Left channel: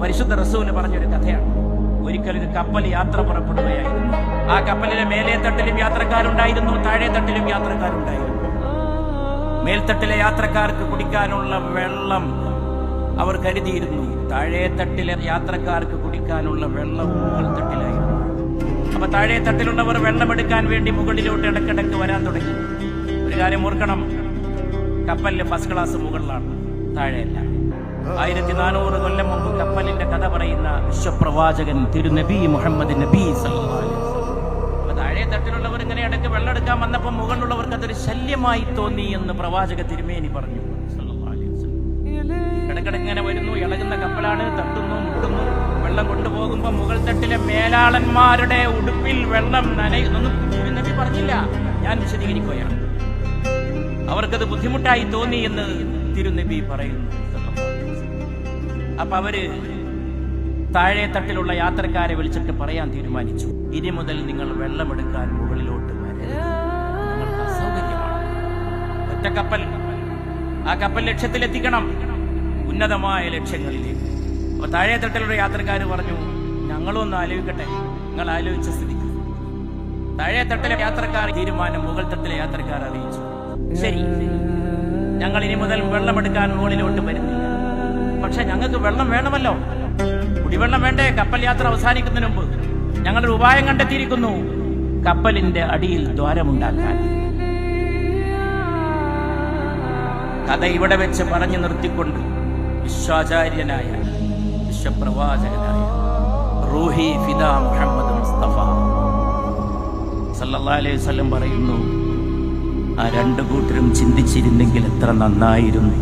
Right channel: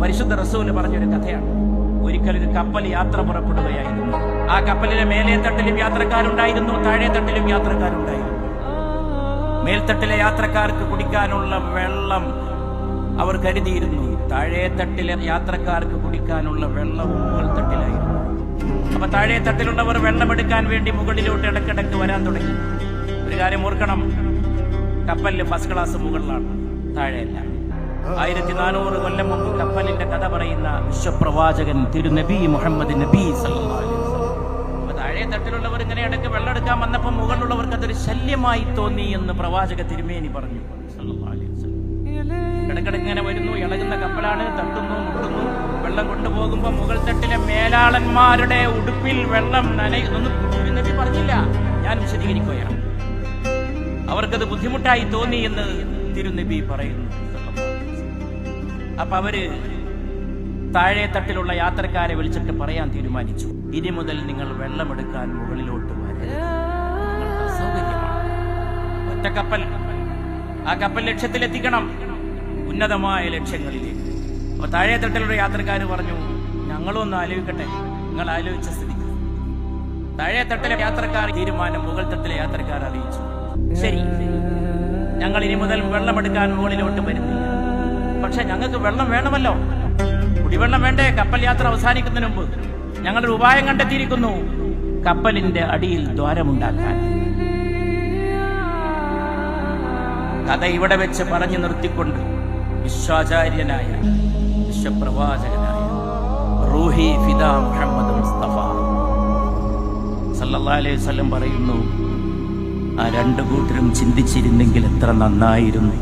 പരിശുദ്ധ റസൂൽ പറഞ്ഞൊരു കഥയാണ്. ഒരിക്കലൊരു കപ്പൽ യാത്ര പുറപ്പെടുകയായിരുന്നു. ആ കപ്പലിലെ മേലേ തട്ടിലും യാത്രക്കാരുണ്ടായിരുന്നു, താഴെ തട്ടിലും യാത്രക്കാരുണ്ടായിരുന്നു. മേൽത്തട്ടിലെ യാത്രക്കാർക്ക് കുടിക്കാനുള്ള വെള്ളം അവർ കരുതിയിരുന്നു, താഴെ തട്ടിലെ യാത്രക്കാർക്ക് കുടിക്കാനുള്ള വെള്ളവും മുകൾ തട്ടിലായിരുന്നു. അപ്പൊ താഴെ തട്ടിലുള്ളവർ വെള്ളമെടുക്കാൻ വേണ്ടി മുകളിലോട്ട് ഇടക്കിടക്ക് വരാൻ തുടങ്ങി. ഒരു കാര്യം ഓർക്കണം, കപ്പലിൽ ഫസ്റ്റ് ക്ലാസ് മുകളിലാണ്, താഴെയല്ല. 1400 കൊല്ലം മുമ്പ് കപ്പലിന്റെ കഥ പറയുന്ന വിശ്വപ്രവാചകൻ തിരുനബി മുഹമ്മദ് നബി സല്ലല്ലാഹു അലൈഹി വസല്ലം. അപ്പൊ താഴെ തട്ടിലുള്ളവർ ഇങ്ങനെ ഇടയ്ക്ക് വെള്ളം എടുക്കാൻ വന്നപ്പോൾ മുകളിലുള്ളവർക്ക് അതൊരു ശല്യമായി തോന്നി എന്ന് പ്രവാചക തിരുമേനി പറഞ്ഞു സല്ലല്ലാഹു അലൈഹി വസല്ലം. ഇടക്കിടക്ക് ഇങ്ങനെ വരുന്നു, ഇളകുന്ന കപ്പലാണ്, തട്ടുന്നു, മുട്ടുന്നു. വെള്ളം കൊണ്ടുപോകുമ്പോ മുകൾ തട്ടിലെ മേലാളന്മാരുടെ ഉടുപ്പിൽ വെള്ളം നനയൊന്നും തിരുനബി പറഞ്ഞില്ല, ഞാൻ വിശദീകരിക്കുകയാണ്. അവർക്കത് ബുദ്ധിമുട്ടായി തോന്നി എന്ന് തിരുനബി പറയുന്നു. അപ്പൊ അവര് താഴെ തട്ടിലുള്ള യാത്രക്കാരെ വിളിച്ചിട്ട് പറയാൻ തീരുമാനിച്ചു, ഇനി മുതൽ നിങ്ങൾ വെള്ളമെടുക്കാൻ മുകളിലോട്ട് വരരുത്, നിങ്ങൾക്ക് അസൗകര്യമാണ്. ഒറ്റ കപ്പൽ, ആ കപ്പൽ ലക്ഷ്യത്തിലെത്തിക്കണം, ഉന്നതമായ ലക്ഷ്യങ്ങളിലേക്ക്. അപ്പൊ താഴെ തട്ടിലുള്ള യാത്രക്കാർ പറഞ്ഞു, ഞങ്ങളൊന്ന് ആലോചിക്കട്ടെ. നിങ്ങൾ ആലോചിച്ച സ്ഥിതിക്ക് താഴെ തട്ടിലെ യാത്രക്കാർ തീരുമാനം മുകൾ തട്ടിലെ യാത്രക്കാർ അറിയിച്ചു, ശരി, ഞങ്ങൾ ഇനി മുതൽ വെള്ളമെടുക്കാൻ മുകളിലോട്ട് വരുന്നില്ല. പക്ഷെ ഞങ്ങൾക്ക് വെള്ളം വേണമല്ലോ, കുടിവെള്ളം വേണ്ടേ? കപ്പൽ യാത്ര അവസാനിക്കുന്നതിന് മുമ്പ് ഞങ്ങളൊരു ഉപായം കണ്ടെത്തിയിരിക്കുന്നു, കപ്പലിന്റെ അടിയിൽ ദ്വാരമുണ്ടാക്കാൻ. കഥ ഇവിടെ വെച്ച് പറഞ്ഞു നിർത്തിക്കൊണ്ട് വിശ്വാചാര്യനായ വിശ്വപ്രവാചകനായ റൂഹി ഫിദാ മുഹമ്മദ് മുസ്തഫ സല്ലല്ലാഹു അലൈഹി വസല്ലം പറയുന്നു, ആ രണ്ടു കൂട്ടരും ചിന്തിച്ചിരുന്നെങ്കിൽ എത്ര നന്നായിരുന്നു.